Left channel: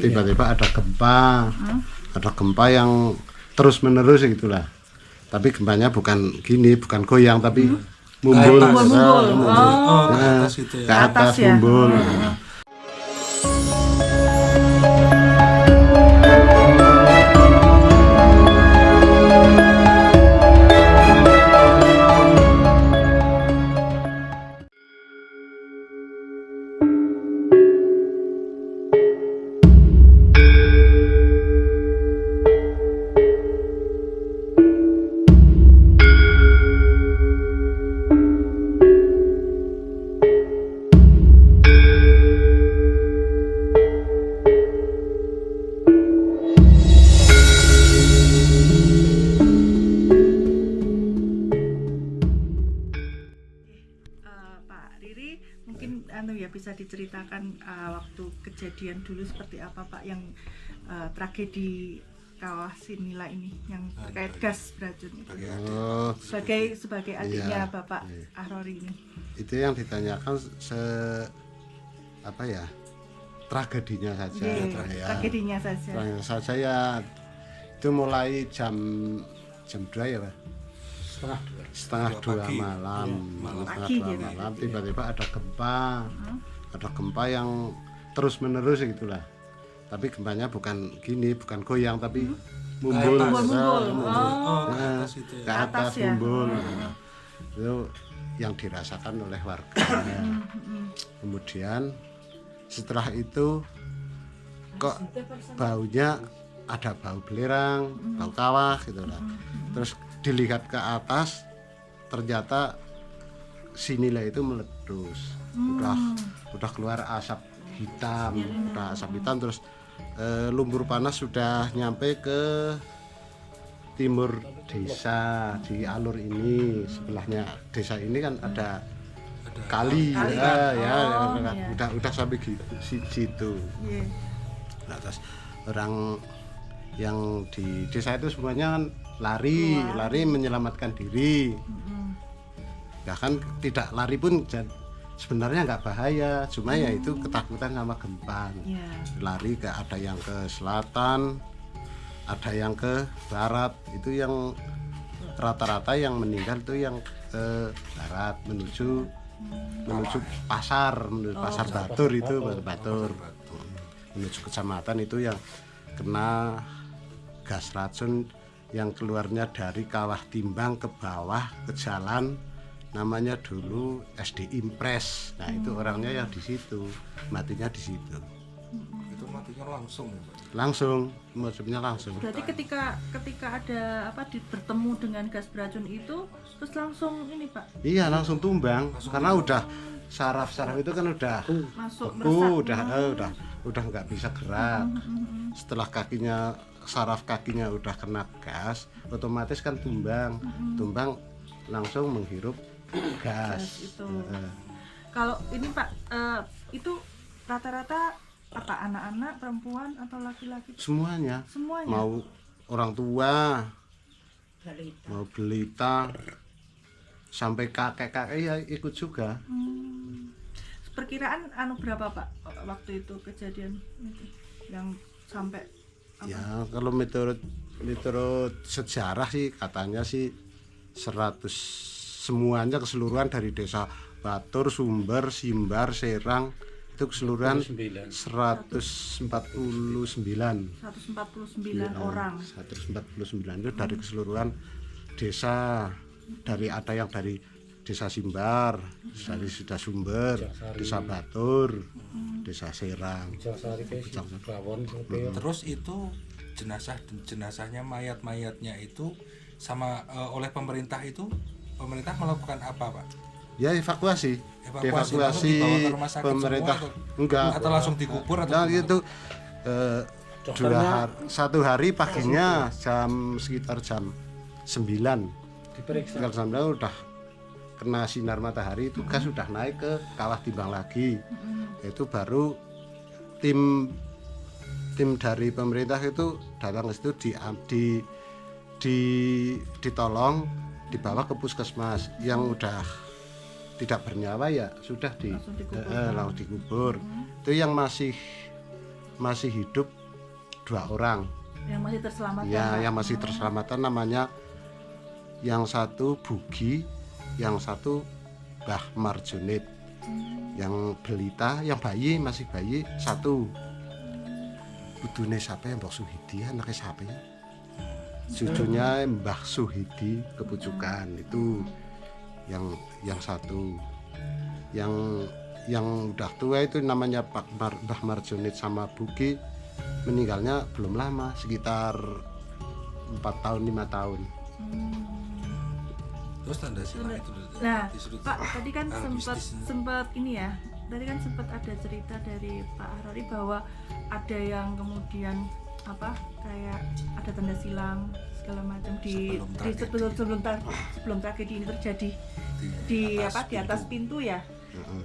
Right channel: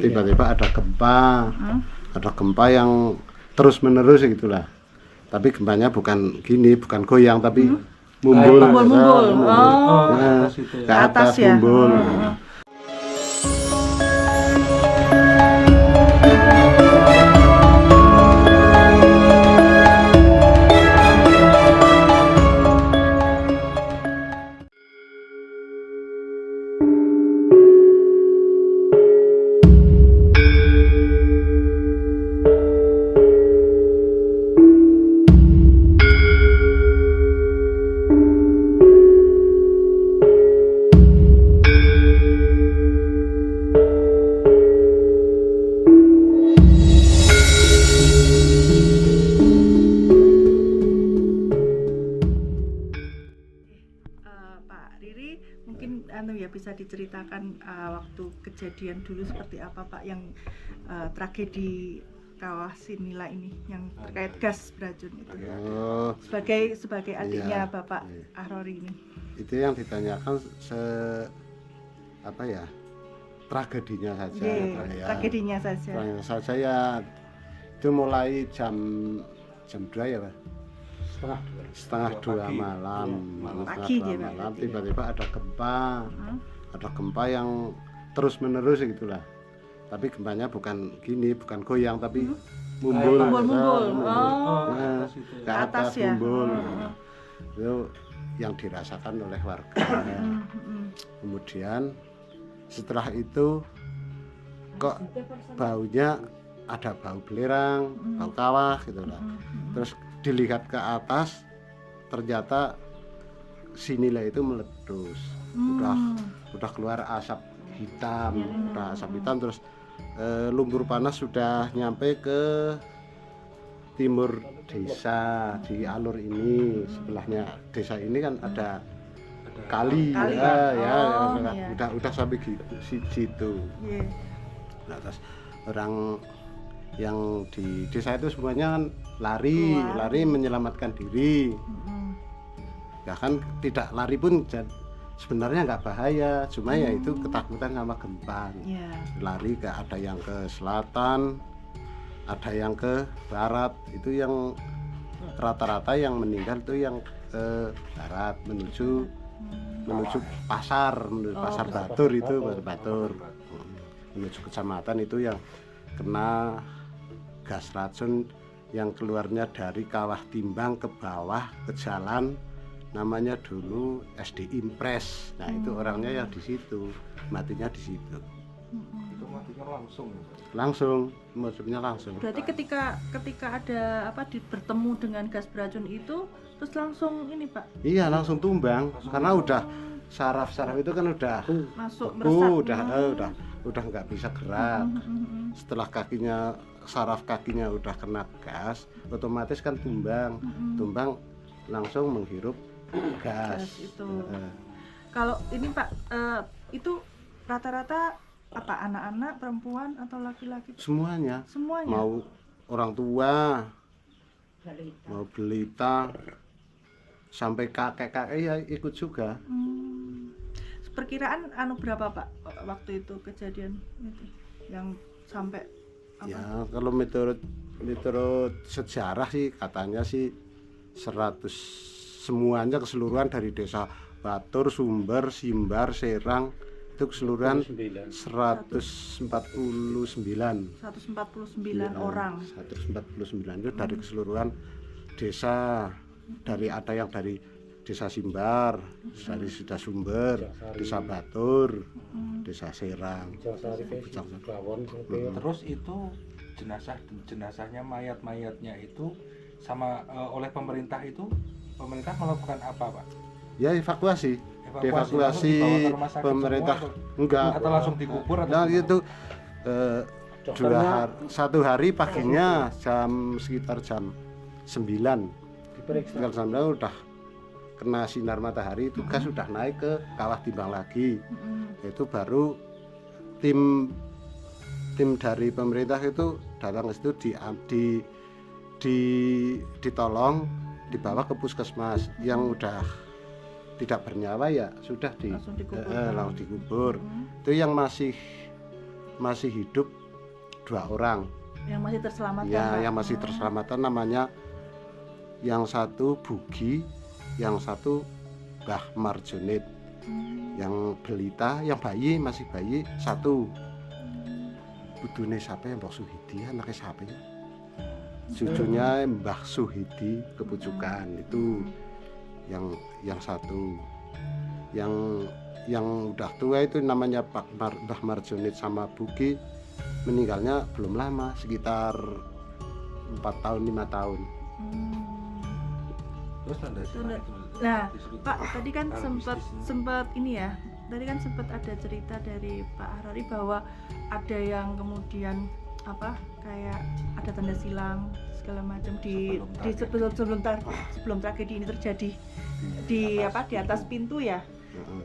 Tiba-tiba ada gempa yang terus menerus gitulah. Tapi gempanya bukan gini, bukan goyang tapi mumbul, ke atas ya. mumbul. Mungkin bisa diceritakan waktu kejadian dulu seperti apa Pak yang tragedi kawah Sinila ini yang terkait gas beracun itu. Sebagai adiknya Bapak Ahrori ini. Itu yang ditanyakan tragedinya saja. Tragedinya saja. Tragedinya saja ya itu mulai jam 2 ya Pak. Setengah dua malam, tiba-tiba ada gempa yang terus menerus gitulah. Tapi gempanya bukan gini, bukan goyang tapi mumbul, ke atas ya. mumbul. Itu yang dirasakan oleh warga. Kemudian setelah itu kok baunya ada bau belerang, bau kawah gitulah. Terus dilihat ke atas ternyata Sinila itu meletus, udah keluar asap hitam, terus lumpur panas sudah nyampe ke timur desa di alur ini. Sebelahnya desa ini kan ada kali. Udah sampai situ. Nah, terus orang yang di desa itu semuanya kan lari menyelamatkan diri. Bahkan tidak lari pun sebenarnya nggak bahaya, cuma ya itu ketakutan sama gempa. Lari ada yang ke selatan, ada yang ke barat. Itu yang rata-rata yang meninggal itu yang ke barat menuju pasar, pasar Batur itu Batur. Menuju kecamatan itu yang kena gas racun yang keluarnya dari Kawah Timbang ke bawah ke jalan, namanya dulu SD Impres. Nah itu orangnya yang di situ, matinya di situ. Itu matinya maksudnya langsung. Berarti ketika ada bertemu dengan gas beracun itu terus langsung ini Pak? Iya langsung tumbang karena udah saraf itu kan udah masuk beku, udah nggak bisa gerak. Setelah saraf kakinya udah kena gas, otomatis kan tumbang langsung menghirup gas itu. Kalau ini Pak, itu rata-rata anak-anak, perempuan atau laki-laki? Semuanya. Mau orang tua, mau balita, sampai kakek-kakek ya ikut juga. Perkiraan berapa Pak waktu itu kejadian itu yang sampai ya kalau menurut sejarah sih katanya sih 100 semuanya keseluruhan dari desa Batur, Sumber, Simbar, Serang itu keseluruhan 149 orang. 149 itu dari keseluruhan desa, dari ada yang dari desa Simbar, dari desa Sumber, desa Batur, desa Serang. Terus itu jenazahnya mayat-mayatnya itu sama oleh pemerintah melakukan apa Pak? Ya evakuasi pemerintah enggak atau langsung dikubur atau nah itu satu hari paginya sekitar jam 9 diperiksa udah kena sinar matahari itu gas sudah naik ke Kawah Timbang lagi. Itu baru tim dari pemerintah itu datang ke situ ditolong dibawa ke puskesmas. Yang udah tidak bernyawa ya sudah langsung dikubur. Itu yang masih masih hidup 2 orang. Yang masih terselamatkan. Ya, Pak. yang masih terselamatkan namanya yang satu Bugi, yang satu Mbah Marjonit. Yang belita, yang bayi masih bayi satu. Putune siapa ya, Mbah Suhidi, anaknya siapa ya? Cucunya Mbah Suhidi Kepucukan itu yang satu. Yang udah tua itu namanya Mbah Marjonit sama Bugi, meninggalnya belum lama, sekitar 4 tahun 5 tahun. Terus tanda silang itu Nah, disebut Pak, tadi kan bisnis. sempat ini ya. Tadi kan sempat ada cerita dari Pak Ahrori bahwa ada yang kemudian kayak ada tanda silang segala macam sebelum tragedi ini terjadi di atas pintu ya.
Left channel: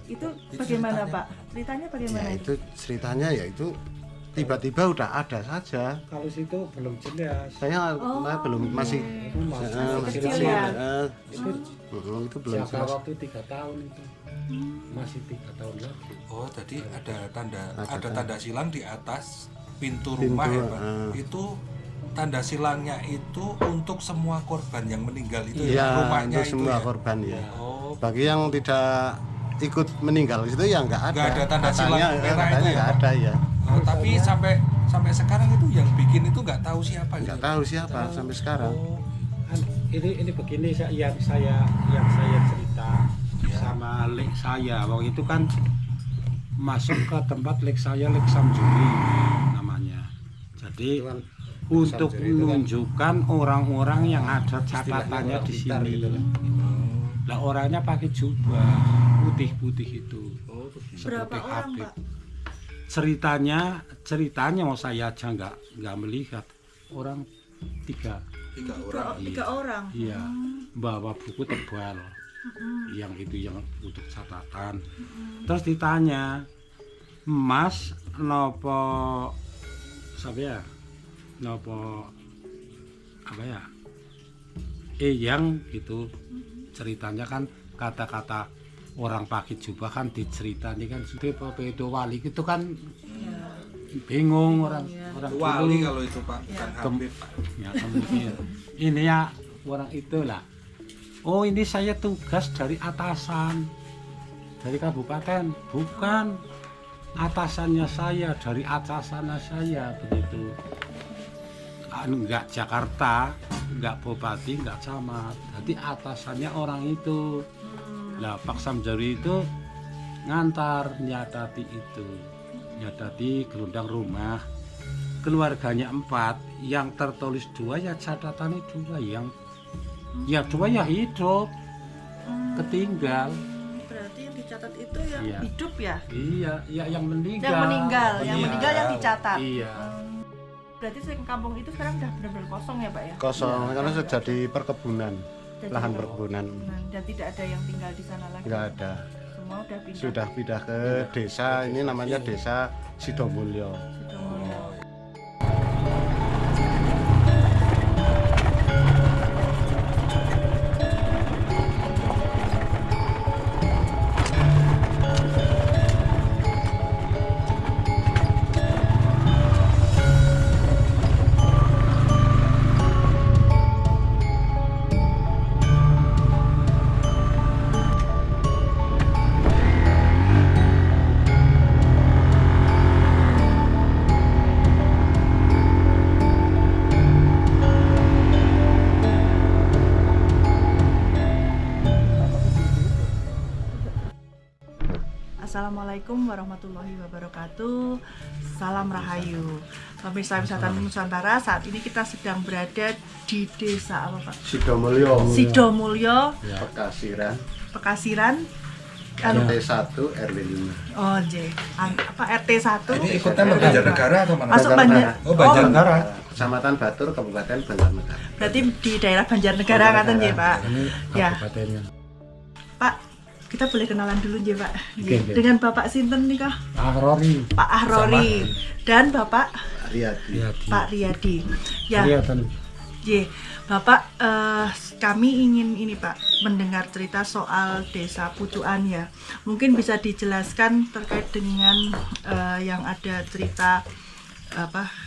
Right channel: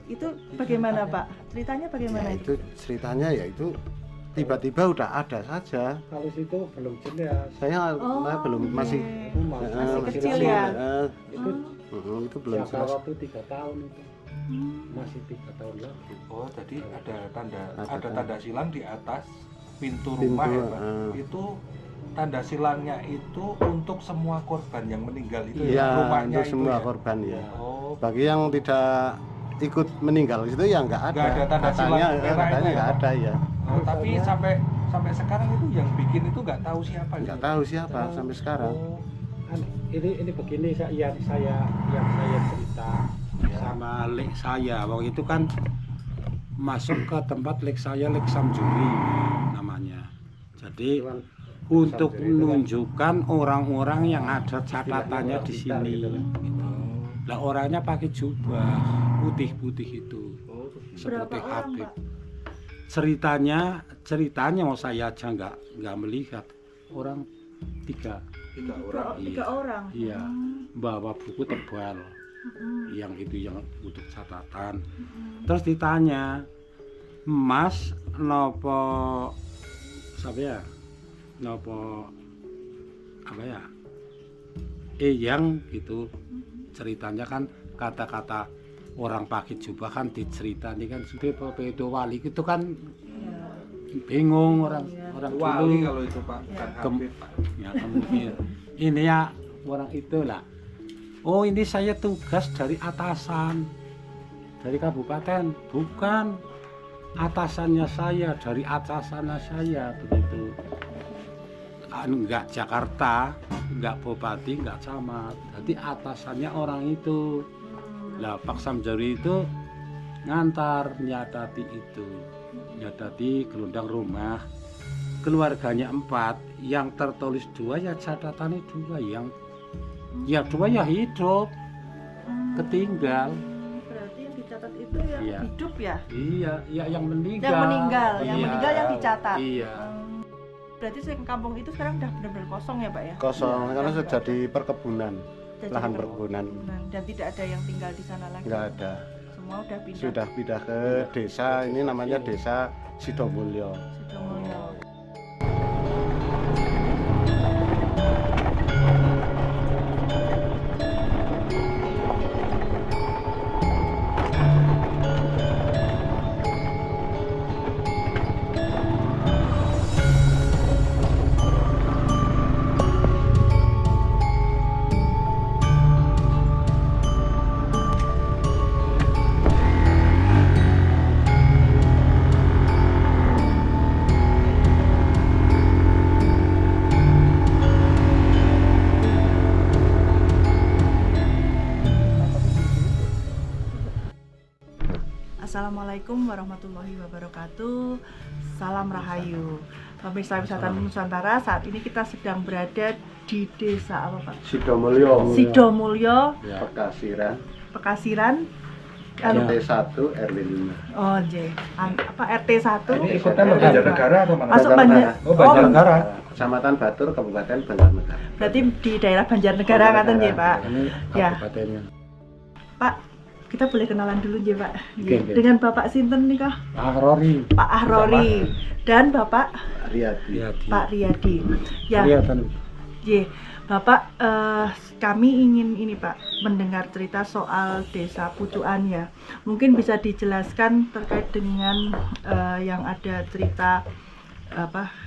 Itu bagaimana Pak? Ceritanya bagaimana? Ya, itu ceritanya ya itu tiba-tiba udah ada saja. Kalau situ belum jelas. Saya belum masih kecil ya. Itu belum Siapa jelas. waktu 3 tahun itu masih 3 tahun lagi. Oh, tadi ada Ada tanda silang di atas pintu Pintu, rumah ya, Pak. Itu tanda silangnya itu untuk semua korban yang meninggal itu ya, Iya, rumahnya untuk semua ya? korban ya. Oh, Bagi yang tidak ikut meninggal itu ya nggak ada. Nggak ada tanda silang merah itu katanya ya? nggak ada ya. oh, tapi sampai sekarang itu yang bikin itu nggak tahu siapa Nggak gitu. tahu siapa sampai sekarang. Oh, Ini begini yang saya cerita sama lek saya waktu itu kan masuk ke tempat lek saya Lek Samjuri namanya. Jadi untuk menunjukkan orang-orang yang ada catatannya di sini. Lah orangnya pakai jubah putih-putih itu. Berapa Seperti orang, Habib. Pak? Ceritanya mau saya aja nggak melihat orang 3. 3 orang. Iya, bawa buku tebal. Yang itu yang untuk catatan. Terus ditanya, Mas nopo siapa ya? Nopo apa ya? Yang gitu. Ceritanya kan kata-kata orang pakai jubah kan diceritani kan sudah pedo wali itu kan bingung orang wali dulu. kalau itu Pak, bukan Kem- Habib. Ya kemudian ini ya orang itulah. Oh ini saya tugas dari atasan dari kabupaten, bukan atasannya saya dari atasannya saya begitu. Enggak Jakarta, enggak Bupati, enggak camat. Jadi atasannya orang itu. Lah Pak Samjuri itu ngantar nyatati itu, nyatati gelondang rumah. Keluarganya 4, yang tertulis 2 ya catatannya 2, yang ya 2 ya hidup, ketinggal. Berarti yang dicatat itu yang Iya. hidup ya? Iya, ya yang meninggal. Yang meninggal Iya. yang dicatat. Iya. Berarti kampung itu sekarang udah benar-benar kosong ya Pak ya? Kosong karena sudah jadi perkebunan, Jadi lahan perkebunan. dan tidak ada yang tinggal di sana lagi. Nggak ada. Semua udah pindah. Sudah pindah ke desa, ini namanya Desa Sidomulyo. Sidomulyo. Assalamualaikum warahmatullahi wabarakatuh. Salam Rahayu. Pemirsa Wisata Nusantara, saat ini kita sedang berada di desa apa Pak? Sidomulyo. Sidomulyo, Pekasiran. Pekasiran. RT 1 RW 5. Oh, RT 1. Ini ikutnya Banjarnegara atau mana? Masuk Banjar. Oh, Banjarnegara. Kecamatan Batur, Kabupaten Banjarnegara. Berarti di daerah Banjarnegara ngaten nggih, Pak. Ini Ya. kabupatennya. Pak, kita boleh kenalan dulu nggih, Pak. Oke, oke. Dengan Bapak sinten nih, Kak? Ahrori. Pak Ahrori dan Bapak Riyadi. Pak Riyadi. Ya. Kelihatan. Ye, Bapak, kami ingin ini Pak mendengar cerita soal desa Pucuan ya. Mungkin bisa dijelaskan terkait dengan yang ada cerita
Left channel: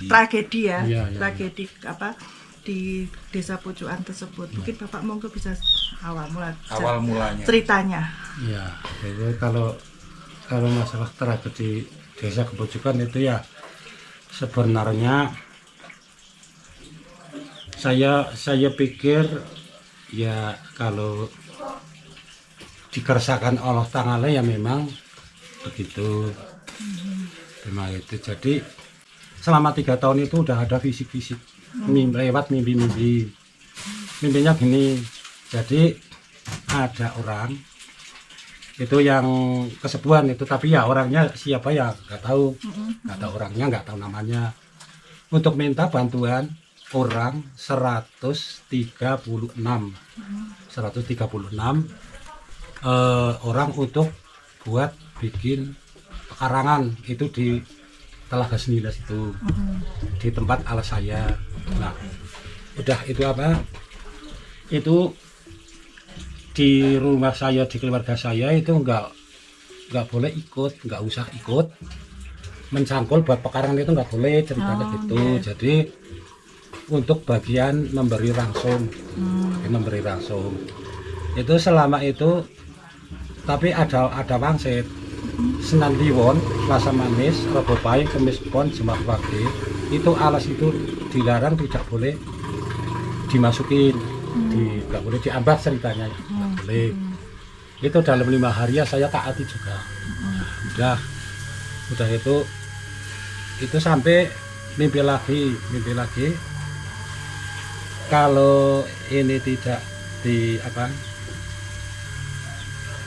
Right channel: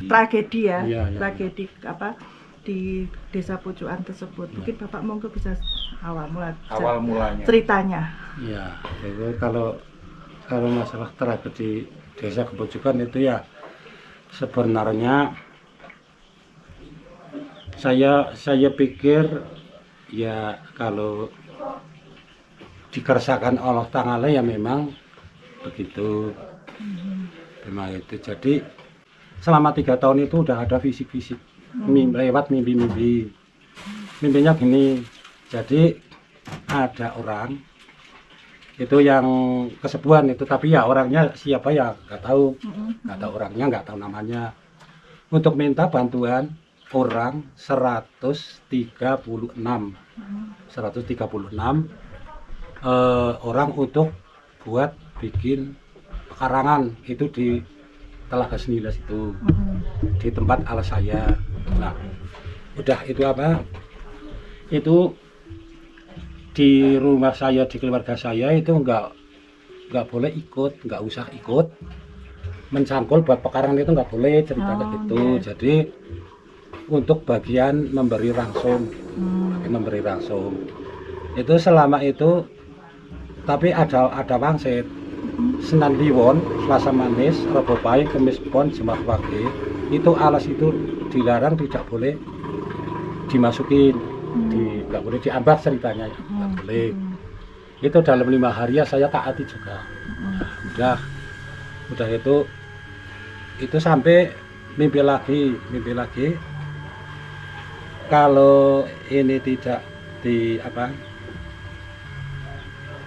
tragedi ya, Iya, iya. tragedi di desa pojokan tersebut. Mungkin Bapak monggo bisa awal mulanya. ceritanya. Ya, itu kalau masalah tragedi desa Kepojokan itu ya sebenarnya saya pikir ya kalau dikersahkan Allah Ta'ala ya memang begitu. Memang itu. Jadi selama 3 tahun itu udah ada fisik-fisik lewat mimpi-mimpi. Mimpinya gini. Jadi ada orang itu yang kesepuan itu, tapi ya orangnya siapa ya nggak tahu, orangnya, nggak tahu namanya, untuk minta bantuan orang 136 orang untuk buat bikin pekarangan itu di Telaga Sembilan itu, di tempat alas saya. Nah, udah itu apa? Itu di rumah saya, di keluarga saya itu nggak boleh ikut, nggak usah ikut mencangkul buat pekarangan itu, nggak boleh cerita gitu. Jadi untuk bagian memberi rangsum, itu selama itu, tapi ada wangsit senantiwon, rasa manis, rekopai, kemis pon, semak wage, itu alas itu dilarang, tidak boleh dimasukin, nggak boleh diambah ceritanya, nggak boleh. Itu dalam 5 hari ya saya taati juga. Udah itu sampai mimpi lagi. Kalau ini tidak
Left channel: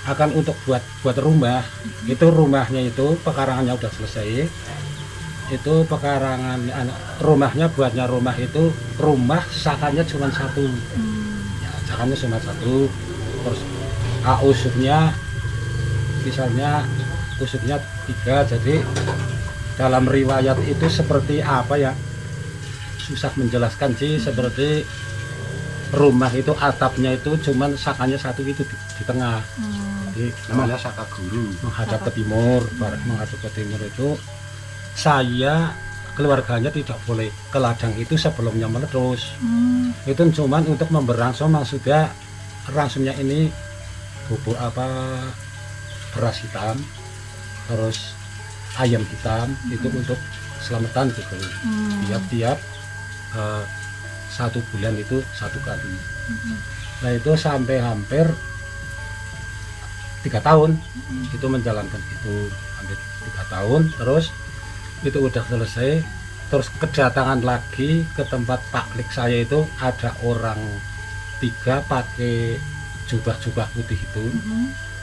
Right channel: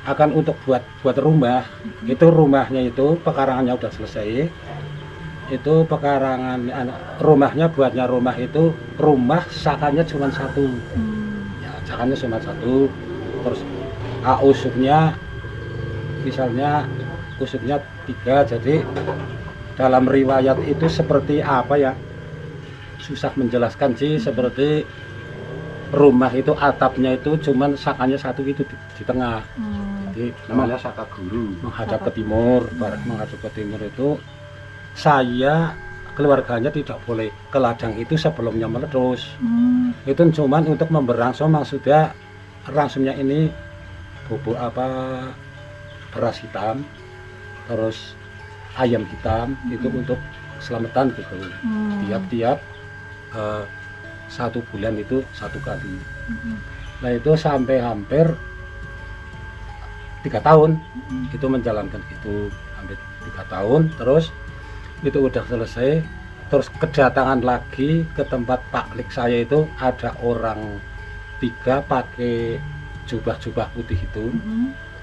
akan untuk buat rumah, itu rumahnya itu pekarangannya udah selesai, itu pekarangan rumahnya, buatnya rumah itu, rumah sakannya cuma 1, sakannya cuma 1, terus usupnya misalnya usupnya 3. Jadi dalam riwayat itu seperti apa ya, susah menjelaskan sih, seperti rumah itu atapnya itu cuman sakannya 1 itu di tengah. Jadi namanya saka guru, menghadap ke timur. Menghadap ke timur itu saya keluarganya tidak boleh ke ladang itu sebelumnya meletus. Itu cuman untuk memberi rangsum, maksudnya rangsumnya ini bubuk beras hitam, terus ayam hitam, itu untuk selamatan gitu. Tiap 1 bulan itu 1 kali. Nah itu sampai hampir 3 tahun itu menjalankan itu, hampir 3 tahun. Terus itu udah selesai, terus kedatangan lagi ke tempat taklik saya itu, ada orang 3 pakai jubah putih itu,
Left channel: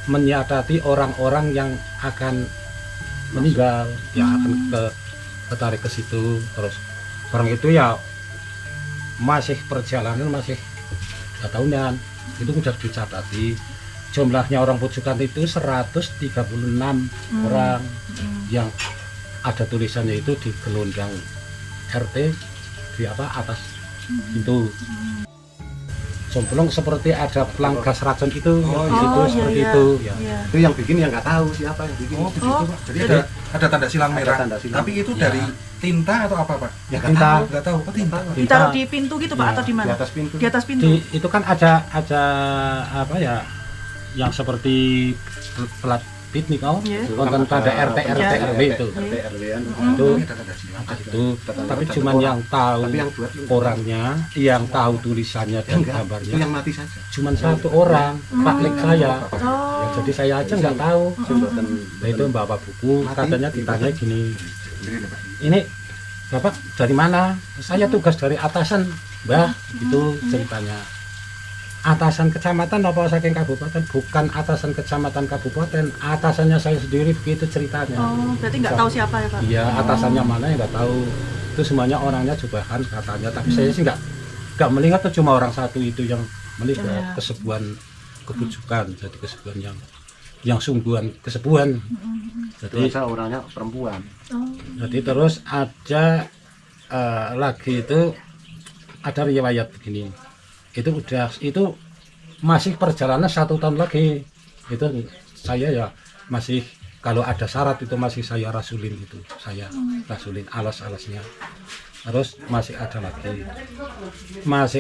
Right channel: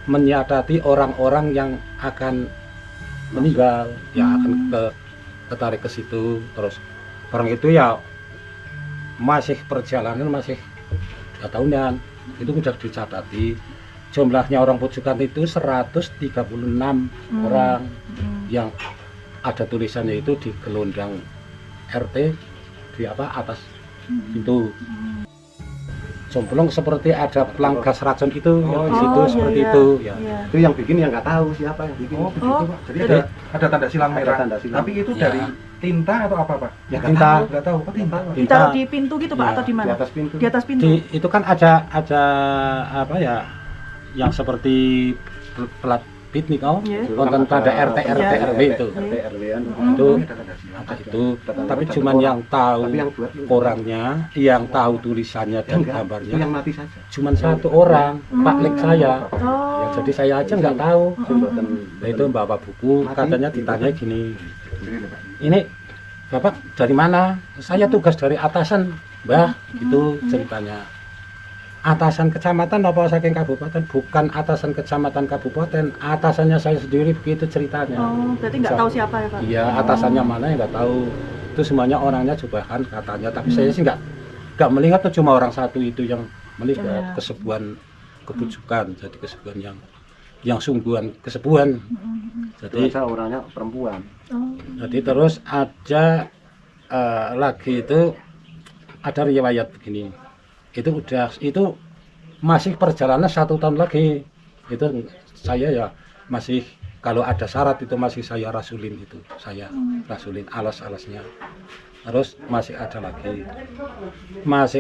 menyiasati orang-orang yang akan meninggal, yang akan ketarik ke situ. Terus orang itu ya masih perjalanan, masih 2 tahunan, itu udah dicatati. Jumlahnya orang Pojokan itu 136 orang, yang ada tulisannya itu di gelondang RT di atas itu. Somplong seperti ada pelanggas racun itu, seperti itu. Ya. Itu yang bikin yang nggak tahu siapa. Jadi Ada tanda silang merah. tanda silang. Tapi itu dari tinta atau apa, Pak? Ya, tinta. Nggak tahu. Ditaruh di pintu gitu Pak, atau di mana? Di atas pintu. Di atas pintu. Itu kan ada apa ya, yang seperti pelat pit nih kau, nonton tanda RT RW itu. Itu tapi cuman yang tahu orangnya, yang tahu tulisannya dan gambarnya, Yang mati saja. cuman 1 orang, taklik saya. Ya, jadi saya aja nggak tahu. Nah, itu Bapak Buku katanya ditanya gini, ini Bapak dari mana? Saya tugas dari atasan, Mbah. Itu ceritanya. Atasan kecamatan apa saking kabupaten? Bukan atasan kecamatan kabupaten, atasannya saya sendiri, begitu ceritanya. Berarti nggak tahu siapa ya Pak? Iya, atasannya mana ya nggak tahu. Itu semuanya orangnya jubahan katanya, tapi saya sih nggak melihat, itu cuma orang 1 itu yang melihat kesepuan kebujukan, jadi kesepuan yang sungguhan kesepuan. Jadi orangnya perempuan. Jadi terus ada lagi itu ada riwayat begini. Itu masih perjalanan 1 tahun lagi. Itu saya ya masih kalau ada syarat itu masih saya rasulin itu, saya rasulin alas-alasnya. Terus masih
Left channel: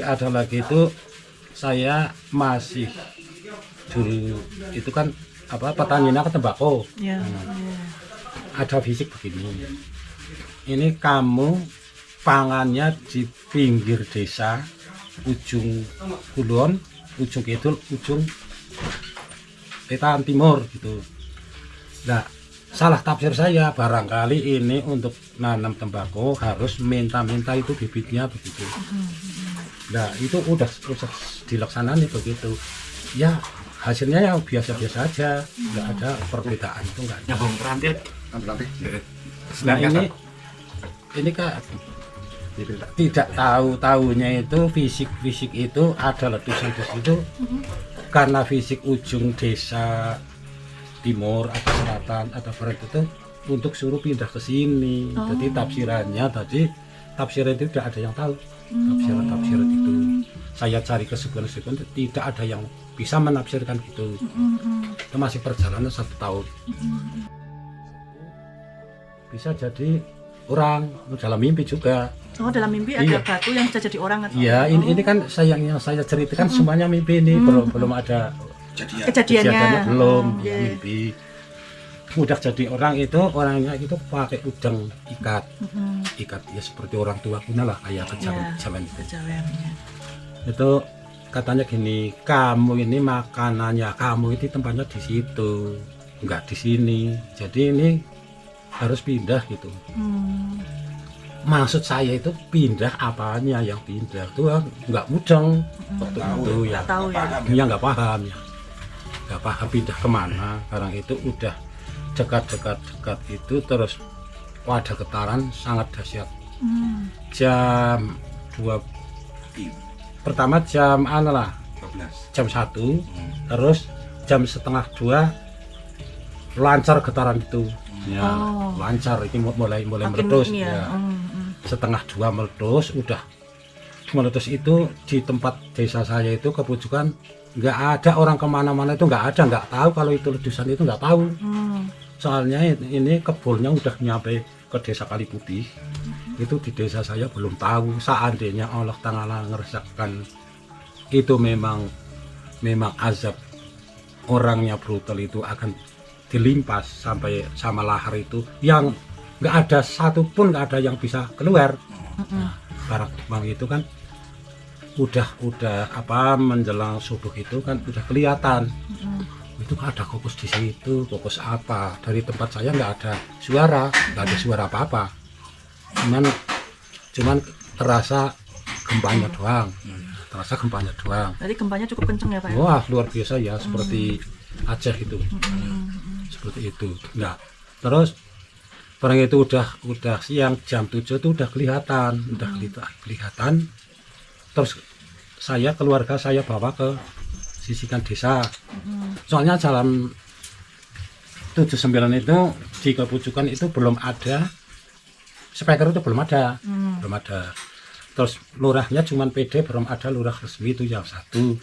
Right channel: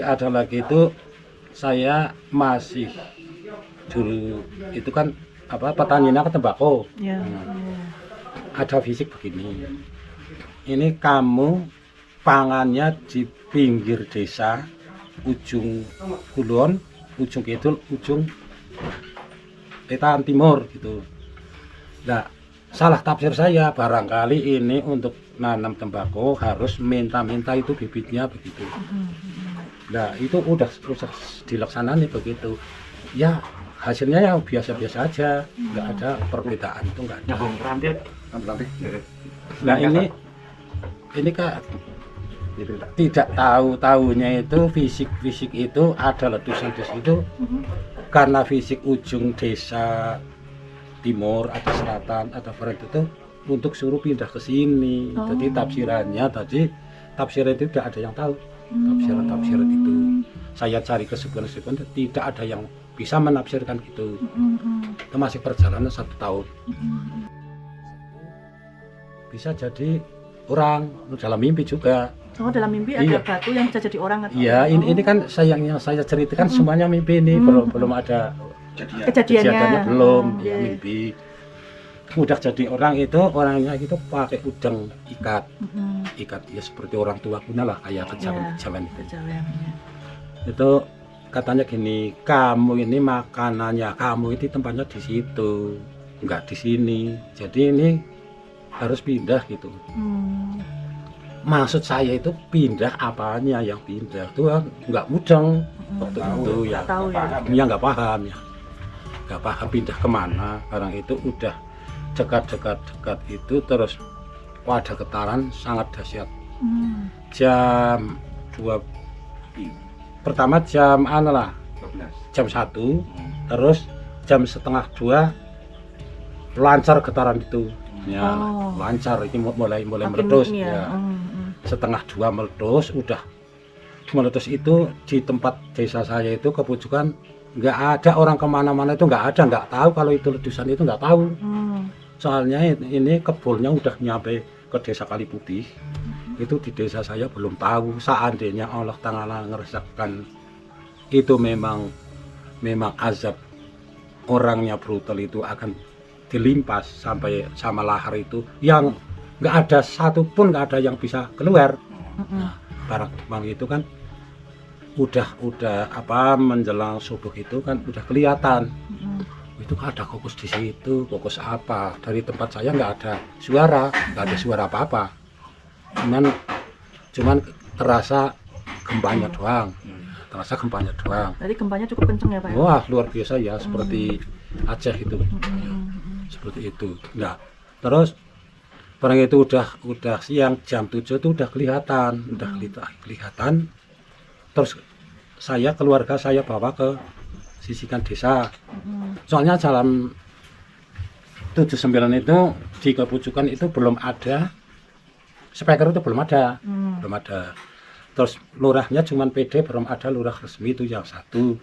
ada lagi itu saya masih dulu itu kan apa petaninya ke tembakau. Ya. Ada fisik begini. Ini kamu pangannya di pinggir desa, ujung kulon, ujung kidul, ujung wetan timur gitu. Nah, salah tafsir saya barangkali ini untuk nanam tembakau harus minta itu bibitnya begitu. Nah, itu udah dilaksanakan begitu. Ya, hasilnya ya biasa-biasa aja. Nggak ada perbedaan itu enggak. Ya Bung, rampit. Nah, ini Kak tidak tahu-tahunya itu fisik itu ada letusan di situ karena fisik ujung desa timur atau selatan atau barat itu untuk suruh pindah ke sini. Jadi tafsiran itu tidak ada yang tahu. Tafsiran itu saya cari ke sekolah-sekolah tidak ada yang bisa menafsirkan gitu. Itu masih perjalanan 1 tahun. Bisa jadi orang dalam mimpi juga. Oh, dalam mimpi ada batu yang bisa jadi orang atau? Iya, ini kan yang saya ceritakan semuanya mimpi ini, belum ada kejadiannya. belum mimpi. Udah jadi orang itu orangnya itu pakai udang ikat ya seperti orang tua punya lah kayak jalan. Itu katanya gini, kamu ini makanannya kamu itu tempatnya di situ, nggak di sini. Jadi ini harus pindah gitu. Maksud saya itu pindah apanya yang pindah itu nggak mudah itu ya dia nggak paham pindah kemana karena itu udah dekat itu terus ada getaran sangat dahsyat. Jam 2 pertama jam jam 1 terus jam setengah 2 lancar getaran itu ya lancar ini mulai meledos ya. Setengah 2 meledos meledos itu di tempat desa saya itu kepujukan nggak ada orang kemana-mana itu nggak tahu kalau itu ledusan itu nggak tahu. Soalnya ini kebunnya udah nyampe ke desa Kaliputih itu di desa saya belum tahu. Seandainya Allah Ta'ala ngeresapkan itu memang azab orangnya brutal itu akan dilimpas sampai sama lahar itu yang nggak ada satupun nggak ada yang bisa keluar. Karena kemarin itu kan udah menjelang subuh itu kan udah kelihatan itu ada kokos di situ, kokos apa dari tempat saya nggak ada suara apa-apa, cuman terasa gempanya doang. Jadi gempanya cukup kenceng ya Pak? Wah luar biasa ya, seperti Aceh gitu, seperti itu. Nah terus barang itu udah siang jam 7 itu udah kelihatan. Terus keluarga saya bawa ke sisikan desa. Soalnya jalan 79 itu di kepujukan itu belum ada speaker, itu belum ada. Terus lurahnya cuma PD, belum ada lurah resmi itu yang satu.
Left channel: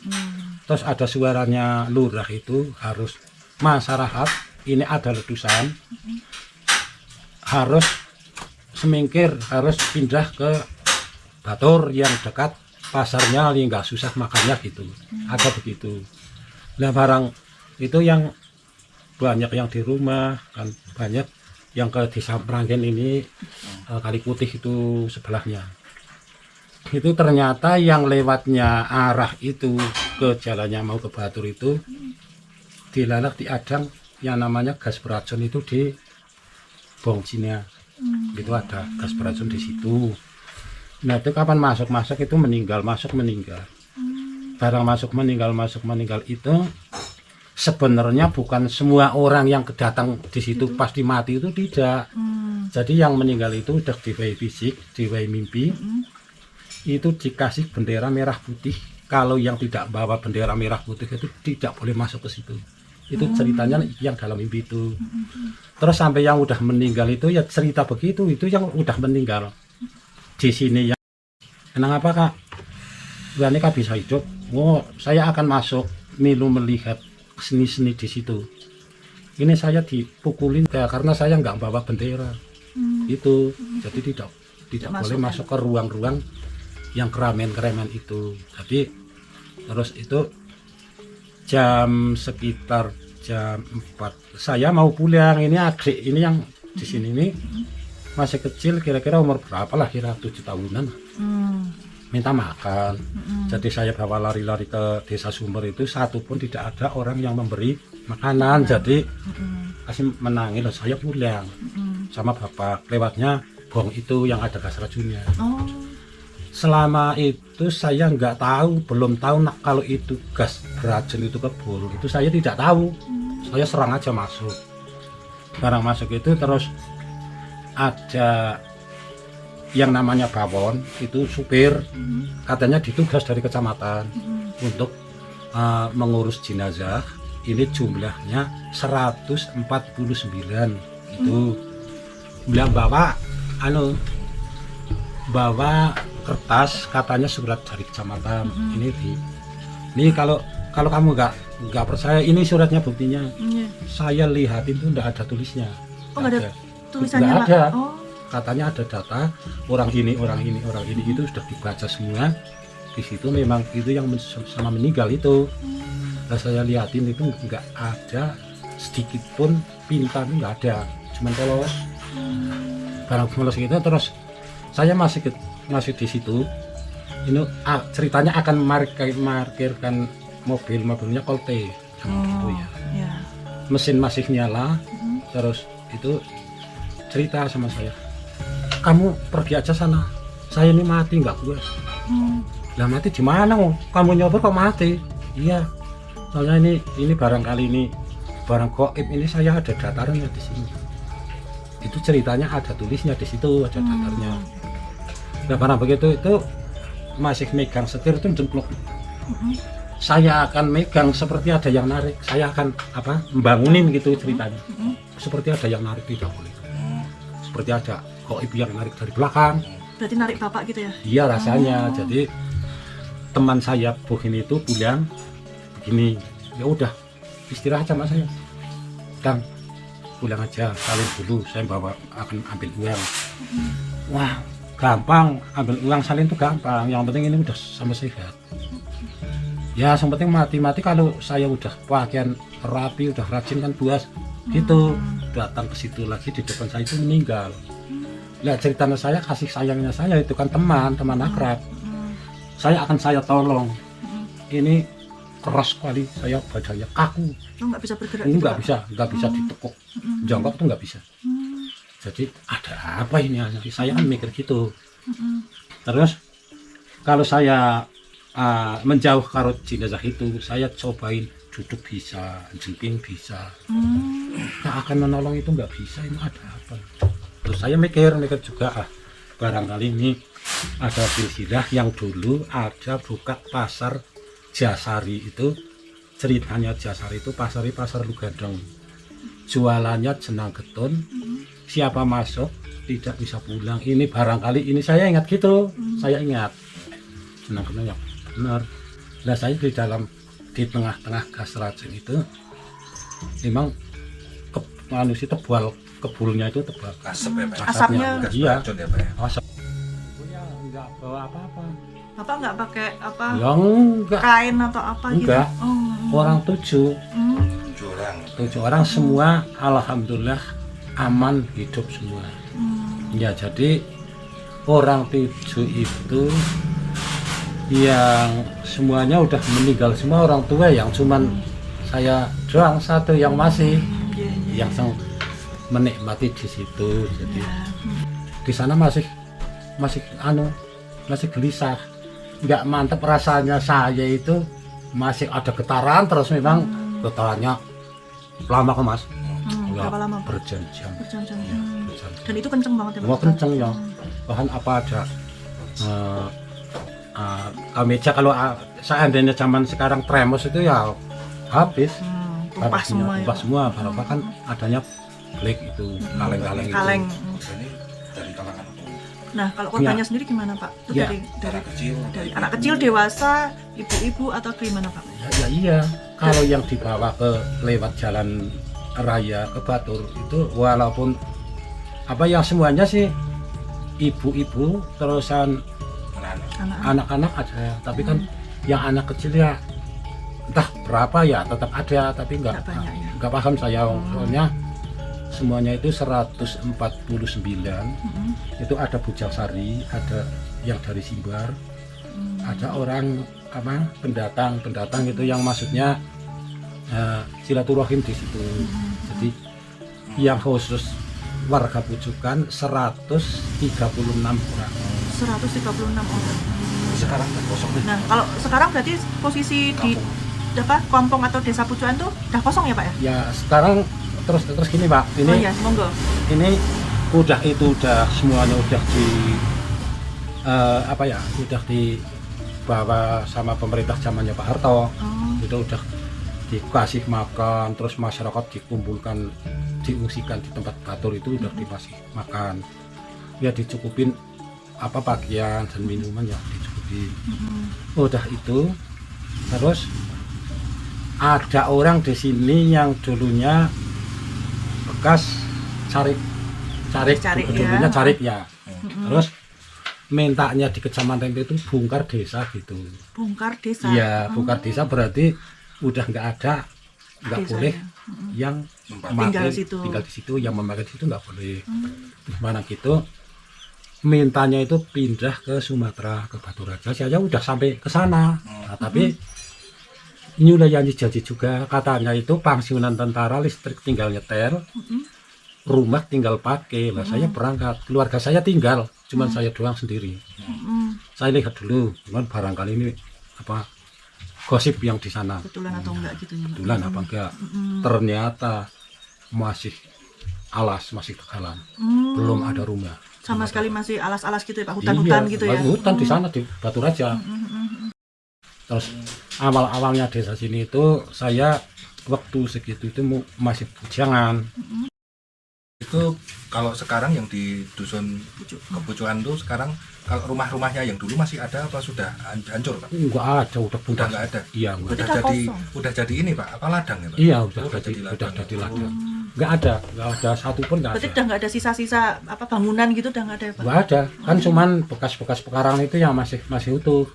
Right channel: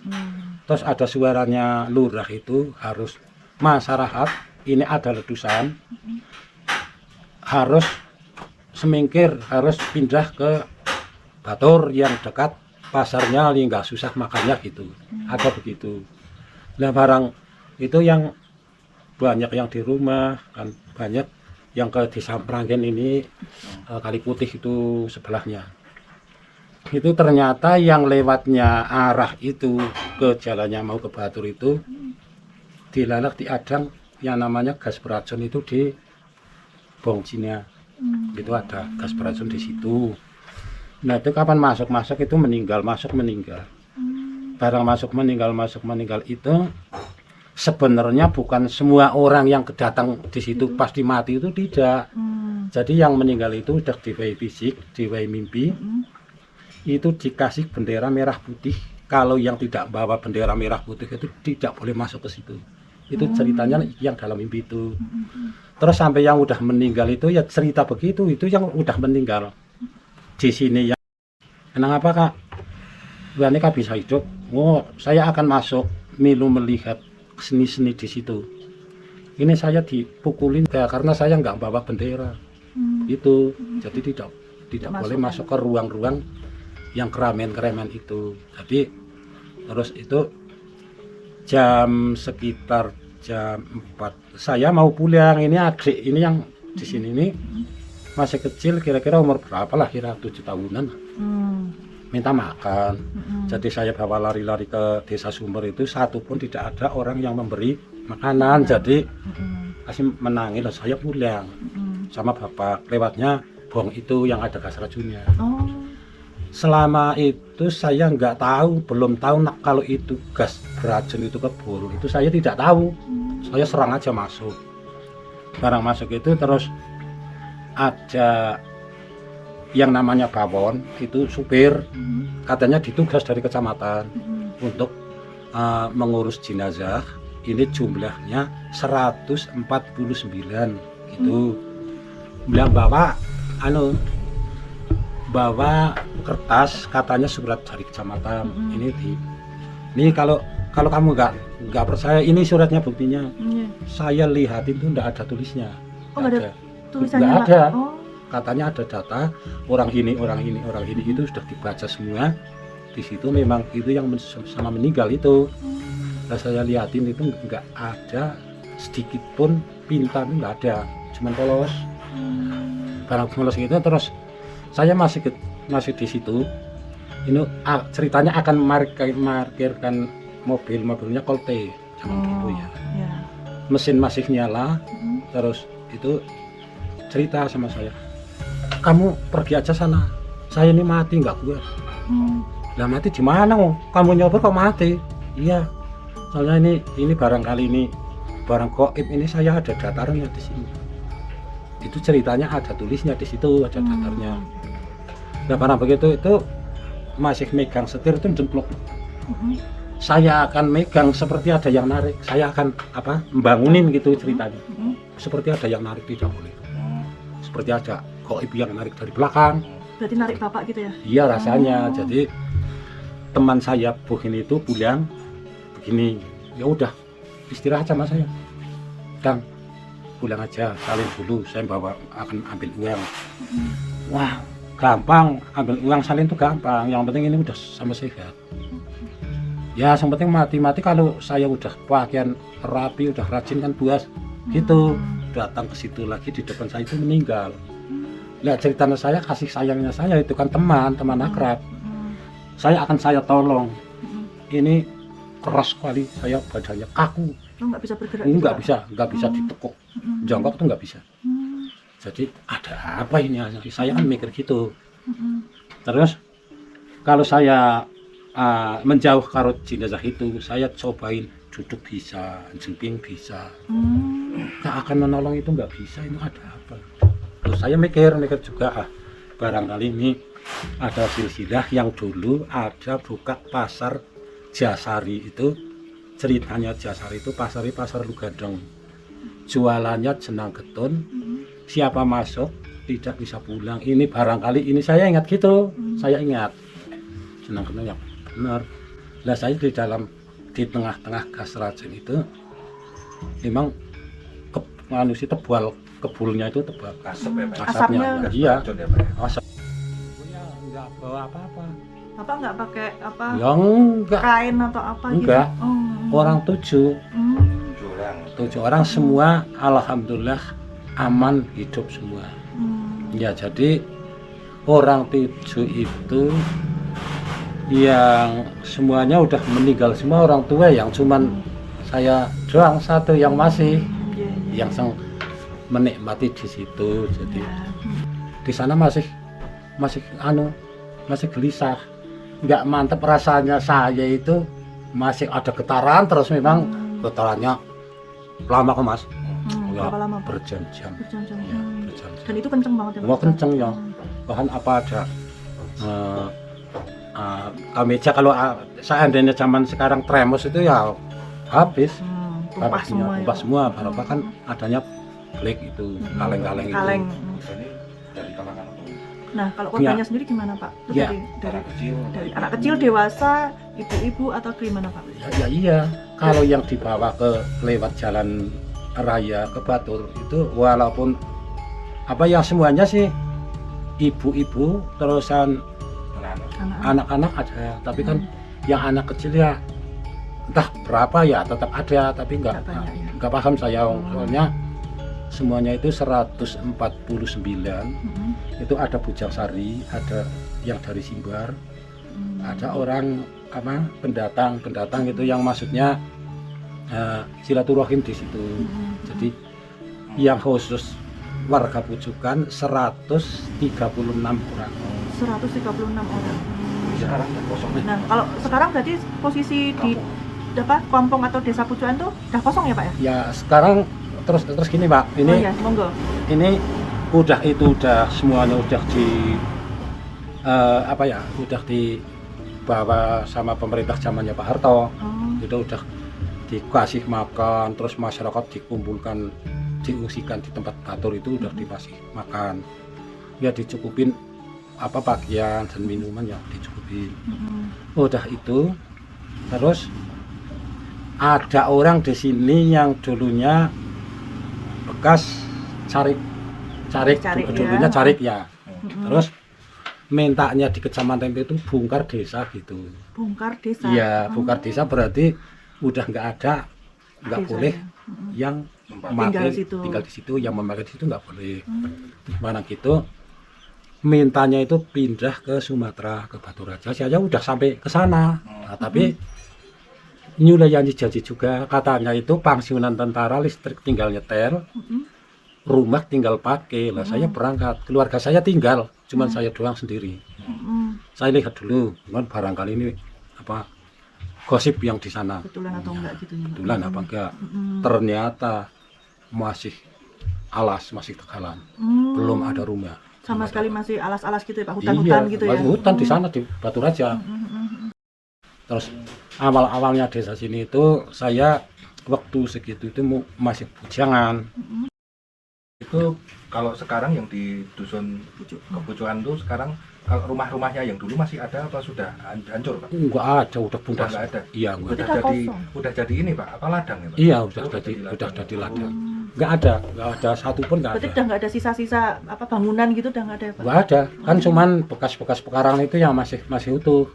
Terus ada suaranya lurah itu harus masyarakat ini ada ledusan harus semingkir, harus pindah ke Batur yang dekat pasarnya, nggak susah makannya gitu, apa begitu. Nah barang itu yang banyak yang di rumah kan, banyak yang ke desa Pranggen ini Kaliputih itu sebelahnya. Itu ternyata yang lewatnya arah itu ke jalannya mau ke Batur itu dilanak di Adang yang namanya gas beracun itu di Bongcinya. Itu ada gas beracun di situ. Nah itu kapan masuk itu meninggal. Barang masuk meninggal itu sebenarnya bukan semua orang yang kedatang di situ pasti mati, itu tidak. Jadi yang meninggal itu udah diwai fisik, diwai mimpi, itu dikasih bendera merah putih. Kalau yang tidak bawa bendera merah putih itu tidak boleh masuk ke situ. Itu ceritanya yang dalam mimpi itu. Terus sampai yang udah meninggal itu ya cerita begitu, itu yang udah meninggal di sini yang kenapa Kak? Berani Kak bisa hidup? Oh, saya akan masuk milu melihat sini di situ. ini saya dipukulin ya karena saya nggak bawa bendera. Itu jadi tidak boleh masuk ke ruang-ruang yang keramaian itu. Jadi terus itu sekitar jam 4 saya mau pulang. Ini adik ini yang di sini ini masih kecil, kira-kira umur berapa lah, kira 7 tahunan, minta makan. Jadi saya bawa lari-lari ke desa Sumber itu, satu pun tidak ada orang yang memberi makanan. Jadi masih menangis dan saya pulang sama bapak, lewatnya gong itu yang ada gas racunnya. Selama itu saya nggak tahu, belum tahu kalau itu gas racun itu kebul, itu saya tidak tahu. Saya serang aja masuk. Barang masuk itu terus ada yang namanya Bawon, itu supir, katanya ditugas dari kecamatan untuk mengurus jenazah. Ini jumlahnya 149 itu. Bilang bawa kertas, katanya surat dari kecamatan. Ini kalau kamu nggak percaya, ini suratnya, buktinya. Saya lihat itu nggak ada tulisnya. Ada tulisannya, nggak ada. Pak? Katanya ada data orang ini itu sudah dibaca semua. Di situ memang itu yang selama meninggal itu. Nah saya lihatin itu nggak ada sedikit pun pintar, nggak ada, cuma polos. Karena polos itu terus saya masih di situ. Ini ceritanya akan markirkan mobilnya Colte gitu ya. Mesin masih nyala, terus itu cerita sama saya, kamu pergi aja sana, saya ini mati nggak kuat. Lah mati di mana? Kamu nyopir kok mati? Iya, saya ini barangkali ini barang goib ini, saya ada dataran di sini. Itu ceritanya ada tulisnya di situ, ada datarnya. Nah barang begitu itu masih megang setir itu jemplok. Saya akan megang seperti ada yang narik, saya akan membangunin gitu ceritanya. Seperti ada yang narik, tidak boleh. Seperti ada goib yang narik dari belakang. Berarti narik bapak gitu ya? Iya rasanya. Jadi teman saya Bohin itu pulang begini, ya udah istirahat sama saya, Kang pulang aja, kalau dulu saya akan ambil uang. Wah gampang, ambil uang salin itu gampang, yang penting ini udah sama sehat. Ya yang penting mati kalau saya udah pakaian rapi, udah rajin kan buas gitu, datang ke situ lagi di depan saya itu meninggal. Ya ceritanya saya, kasih sayangnya saya itu kan teman akrab, saya tolong. Ini keras sekali, saya badannya kaku. Nggak bisa bergerak. Ini nggak bisa ditekuk, jongkok itu nggak bisa. Jadi ada apa ini? Saya kan mikir gitu. Terus kalau saya menjauh karo jenazah itu, saya cobain duduk bisa, jemping bisa. Yang akan menolong itu nggak bisa, ini ada apa? Terus saya mikir juga, barangkali ini ada silsilah yang dulu ada buka pasar Jasari itu. Ceritanya Jasari itu pasar Lugadong. Jualannya jenang getun, siapa masuk tidak bisa pulang. Ini barangkali ini saya ingat gitu, saya ingat jenang getun yang benar. Nah saya di tengah-tengah gas racun itu memang kebulnya itu tebal, asapnya. Iya, asap. Ya enggak bawa apa-apa. Bapak nggak pakai Ya enggak. Kain atau apa Enggak. gitu? Orang 7 orang semua alhamdulillah aman, hidup semua. Ya jadi orang 7 itu yang semuanya udah meninggal semua, orang tua, yang cuman saya doang satu yang masih yang menikmati di situ. Jadi di sana masih gelisah, nggak mantap rasanya. Saya itu masih ada getaran terus, memang getarannya lama kok Mas. Ya, berapa lama? Berjam-jam. Dan itu kenceng banget ya? Wah kenceng ya. Bahkan apa ada meja, kalau seandainya zaman sekarang tremos itu ya habis. Ubah semua. Bahkan adanya kaleng itu, kaleng. Nah kalau korbannya sendiri gimana Pak? Itu Ya. dari anak kecil, dewasa, ibu-ibu atau gimana Pak? Ya iya, kalau yang dibawa ke lewat jalan raya ke Batur itu walaupun apa yang semuanya sih ibu-ibu terusan anak-anak ada, tapi kan yang anak kecil ya entah berapa ya tetap ada, tapi nggak paham saya soalnya semuanya itu 149 itu ada Bujangsari, ada yang dari Simbar, ada orang apa pendatang itu yang maksudnya silaturahim di situ. Jadi yang khusus warga Pujukan 136 orang. 136 orang. Sekarang kosong. Kalau sekarang berarti posisi di Kontong atau Desa Pujukan tuh udah kosong ya Pak ya? Ya sekarang terus gini Pak. Ini oh ya, monggo. Ini udah semuanya udah di udah dibawa sama pemerintah zamannya Pak Harto. Itu udah dikasih makan, terus masyarakat dikumpulkan, diungsikan di tempat kantor itu udah dikasih makan. Ya dicukupin apa pakaian dan minuman ya dicukupin. Udah itu terus ada orang di sini yang dulunya bekas carik dulunya carik ya. Terus mintanya di kecamatan itu bongkar desa gitu. Bongkar desa. Iya, bongkar desa berarti udah nggak ada, nggak boleh yang tinggal di situ yang memakai situ nggak boleh. Gimana gitu mintanya itu pindah ke Sumatera, ke Batu Raja. Saya udah sampai ke sana. Nah, tapi ini udah janji juga katanya itu pensiunan tentara, listrik tinggal nyetel, rumah tinggal pakai. Lah saya berangkat, keluarga saya tinggal, cuman saya doang sendiri. Saya lihat dulu, cuman barangkali ini apa gosip yang di sana. Betulan atau enggak gitu ya? Betulan apa enggak? Ternyata masih alas, masih tegalan, belum ada rumah. Sama sekali masih alas-alas gitu ya Pak, hutan-hutan gitu ya? Hutan di sana di Batu Raja. Terus awal-awalnya desa sini itu saya waktu segitu itu masih bujangan. Itu kalau sekarang yang di dusun Kepucuan itu sekarang kalau rumah-rumahnya yang dulu masih ada apa sudah hancur kan? Enggak ada, udah punah. Enggak ada. Iya, udah jadi ini Pak, apa ladang ya Pak? Iya, udah jadi ladang. Enggak ada satu pun enggak ada. Berarti udah enggak ada sisa-sisa apa bangunan gitu udah enggak ada ya Pak? Enggak ada, kan cuman bekas-bekas pekarangan itu yang masih utuh.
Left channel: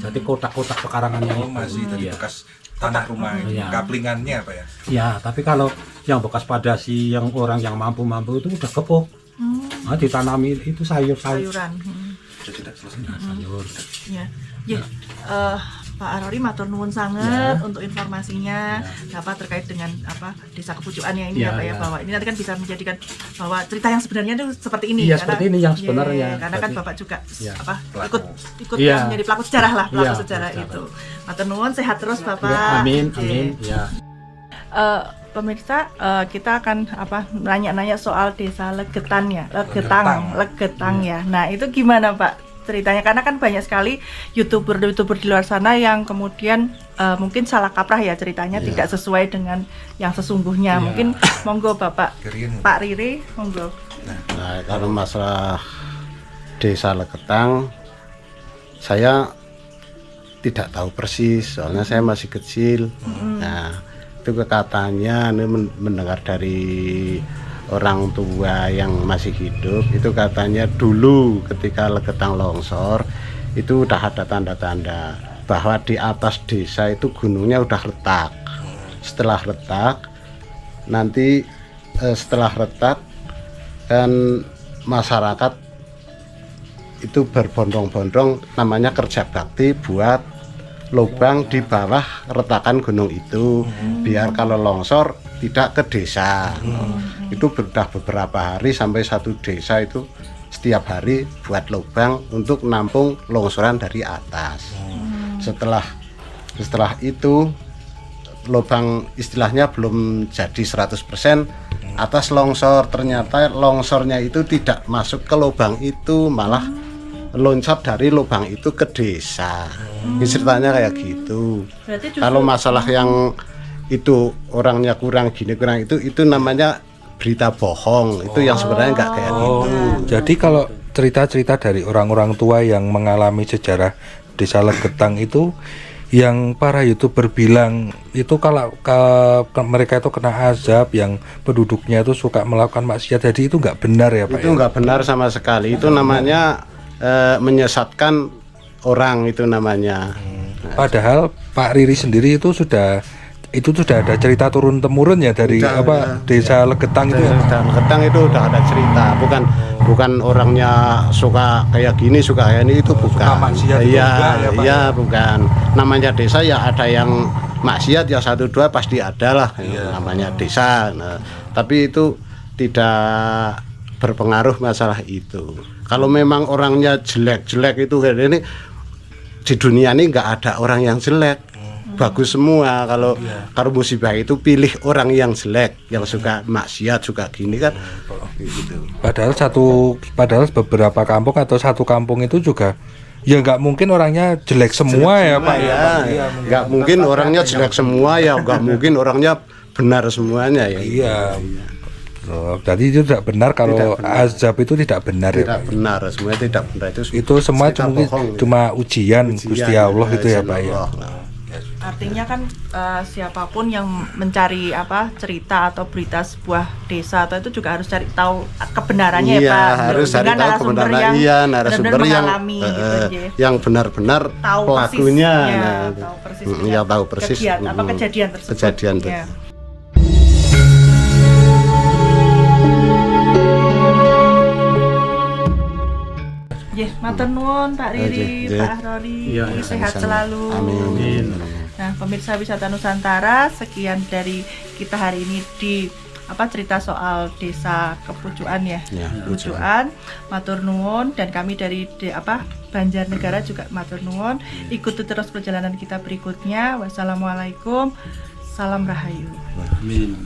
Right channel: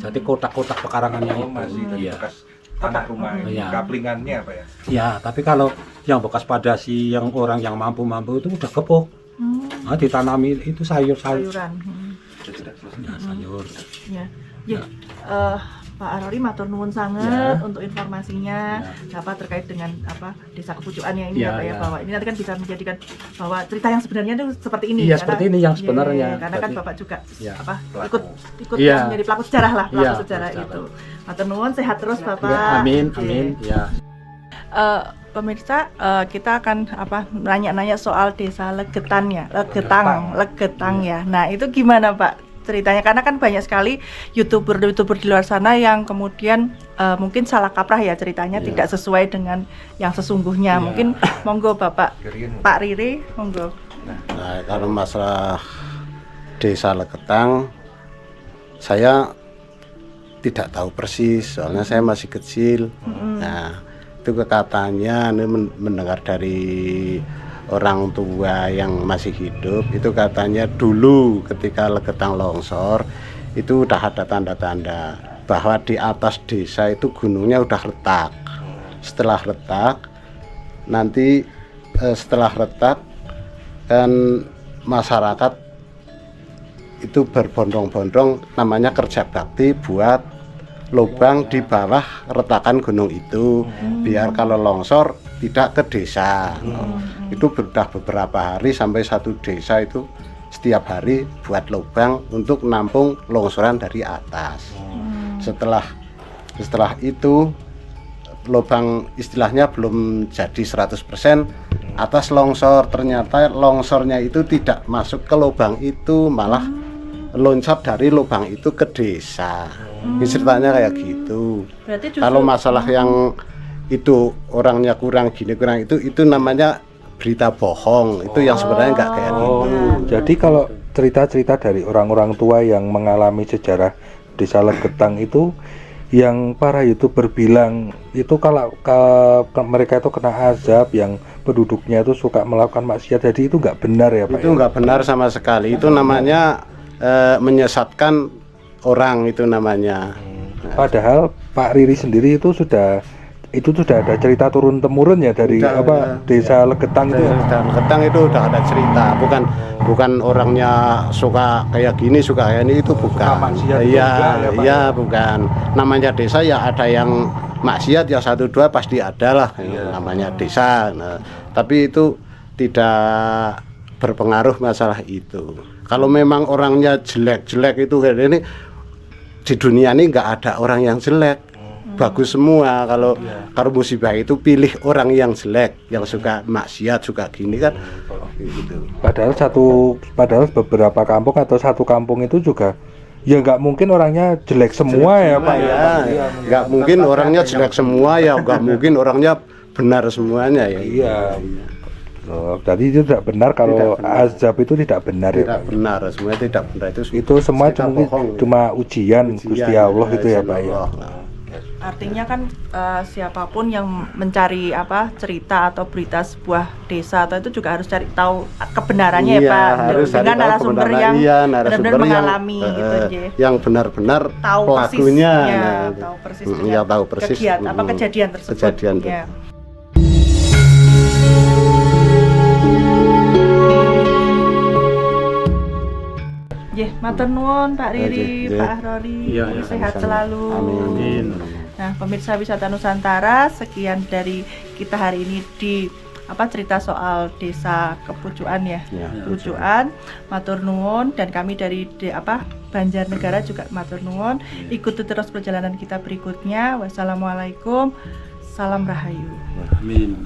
Jadi kotak-kotak pekarangannya itu masih bekas tanah rumah kaplingannya Pak ya? Ya, tapi kalau yang bekas padasi yang orang yang mampu-mampu itu udah kepok. Nah, ditanami itu sayuran. Sudah Sayur. Ya. Mbak Arori matur nuwun sangat untuk informasinya Bapak terkait dengan apa Desa Kepucukannya ini ya Pak ya, bahwa ini nanti kan bisa menjadikan bahwa cerita yang sebenarnya itu seperti ini. Iya, seperti ini yang sebenarnya. Karena kan Bapak juga ikut menjadi pelaku sejarah lah, sejarah itu. Matur nuwun, sehat terus Bapak. Amin. Ya. Pemirsa, kita akan nanya-nanya soal Desa Legetang ya. Nah, itu gimana Pak ceritanya? Karena kan banyak sekali youtuber di luar sana yang kemudian mungkin salah kaprah ya ceritanya, tidak sesuai dengan yang sesungguhnya. Mungkin monggo Bapak Pak Riri, monggo. Nah, kalau masalah Desa Legetang saya tidak tahu persis, soalnya saya masih kecil. Nah, itu katanya mendengar dari orang tua yang masih hidup, itu katanya dulu ketika Legetang longsor itu udah ada tanda-tanda bahwa di atas desa itu gunungnya udah retak. Setelah retak kan masyarakat itu berbondong-bondong namanya kerja bakti buat lubang di bawah retakan gunung itu biar kalau longsor tidak ke desa. Itu sudah beberapa hari sampai satu desa itu setiap hari buat lubang untuk nampung longsoran dari atas. Setelah itu lubang istilahnya belum jadi 100% atas longsor, ternyata longsornya itu tidak masuk ke lubang itu, malah loncat dari lubang itu ke desa. Ini ceritanya kayak gitu. Kalau masalah yang itu orangnya kurang gini kurang itu namanya berita bohong. Itu yang sebenarnya nggak kayak gitu. Jadi kalau cerita-cerita dari orang-orang tua yang mengalami sejarah Desa Legetang itu yang para YouTuber bilang itu kalau mereka itu kena azab, yang penduduknya itu suka melakukan maksiat, jadi itu nggak benar ya Pak? Itu nggak benar sama sekali. Itu namanya menyesatkan orang, itu namanya. Padahal Pak Riri sendiri itu sudah ada cerita turun temurun ya dari desa Legetang itu. Desa Legetang itu udah ada cerita, bukan orangnya suka kayak gini, suka kayak ini, itu bukan. Iya, bukan. Namanya desa ya ada yang maksiat ya 1-2 pasti ada lah, namanya desa. Nah, tapi itu tidak berpengaruh masalah itu. Kalau memang orangnya jelek-jelek itu kayak ini, di dunia ini nggak ada orang yang jelek. Bagus semua. Kalau musibah itu pilih orang yang jelek, yang suka maksiat, suka gini kan gitu. Padahal beberapa kampung atau satu kampung itu juga ya nggak mungkin orangnya jelek semua ya Pak ya. Nggak mungkin orangnya jelek semua ya, nggak mungkin orangnya benar semuanya ya. Iya. Jadi itu tidak benar kalau azab itu tidak benar ya. Tidak benar, semuanya tidak benar, itu semua cuma ujian Gusti Allah gitu ya Pak ya. Artinya kan siapapun yang mencari cerita atau berita sebuah desa atau itu juga harus cari tahu kebenarannya ya Pak, harus dengan narasumber yang benar-benar mengalami yang benar-benar tahu pelakunya, tahu persis kejadian tersebut. Matur nuwun Pak Riri, Pak Ahrori, sehat selalu. Amin. Nah, pemirsa Wisata Nusantara, sekian dari kita hari ini di cerita soal desa Kepucuan ya. Kepucuan, matur nuwun, dan kami dari Banjarnegara juga matur nuwun. Ikuti terus perjalanan kita berikutnya. Wassalamualaikum. Salam Rahayu. Amin.